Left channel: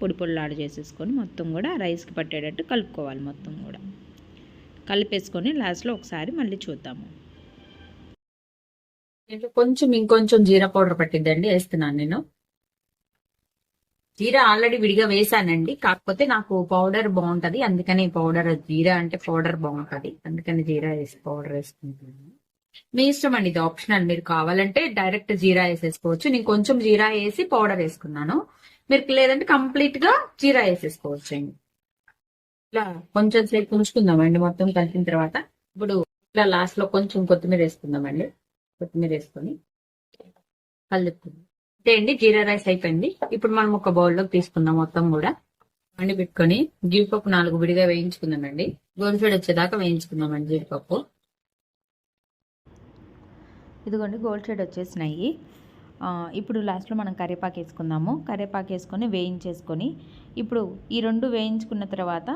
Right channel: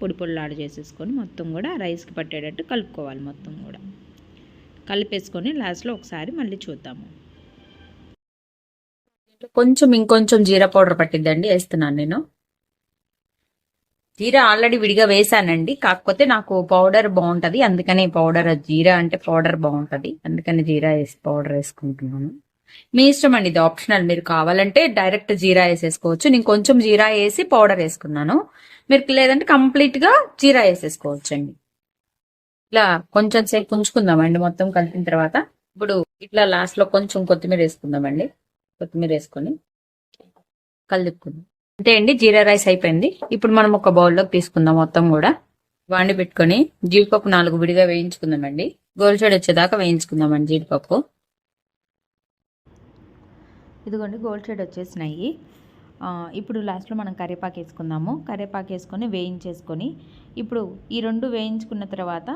పొడి పొడిలాడు చేసేసుకొని మొత్తం కూడా రైస్కి పట్టేటట్టు కలుపుకోవాలి. మొత్తం కూడా కలిపేసుకొని లాస్ట్లో ఒకసారి మళ్ళీ చూద్దాము. కొంచెం ఇంకొంచెం జీరా పౌడర్ పట్టిద్దండి, వేస్తున్నాను నేను. జీరా ఆల్రెడీ విడిగా వేసానండి, కాకపోతే నాకు పౌడర్ బాగుంటది, అందుకని పౌడర్, జీరా అంటే పౌడర్ బాగుంటది, అందుకని జీరా వేసి పౌడర్ వేసుకుంటున్నాను. మీ ఇష్టం అండి, ఇది ఆప్షనల్. మీరు కావాలంటే డైరెక్ట్ జీరా వేసేసుకోవచ్చు. నేను కొంచెం జీరా వేసి పౌడర్ వేసుకున్నాను. మీరు లేదంటే కంప్లీట్ గా జీరా వేసేసుకోవచ్చు అండి. ఇట్లా కొంచెం సేపు ఉంచుకుందామండి మొత్తం కలిపిన తర్వాత. ఇప్పుడు ఇట్లా లాస్ట్ లో కొంచెం కొత్తిమీర వేసుకుందామండి. కొత్తిమీర వేసుకొని కలుపుకుందాం. అంతే అండి, జీరా రైస్ అయిపోయింది. ఇప్పుడు మనం ఒక బౌల్లోకి తీసుకుందాం. మొత్తం కూడా వాండి పెట్టుకొని జీడిపప్పు 4 విడిగా వేయించుకుందామండి. గోల్డ్ వచ్చేదాకా వేయించుకుందామండి జీడిపప్పు. ఇదిగోండి గోల్డ్ షేడ్ వచ్చేసినాయి. ఇప్పుడు లాస్ట్లో మనం కరివేపాకు వేసుకుందాము. కరివేపాకు వేసుకొని వేయించేసుకొని ఇప్పుడు ఈ 2 వేయించుకున్న తర్వాత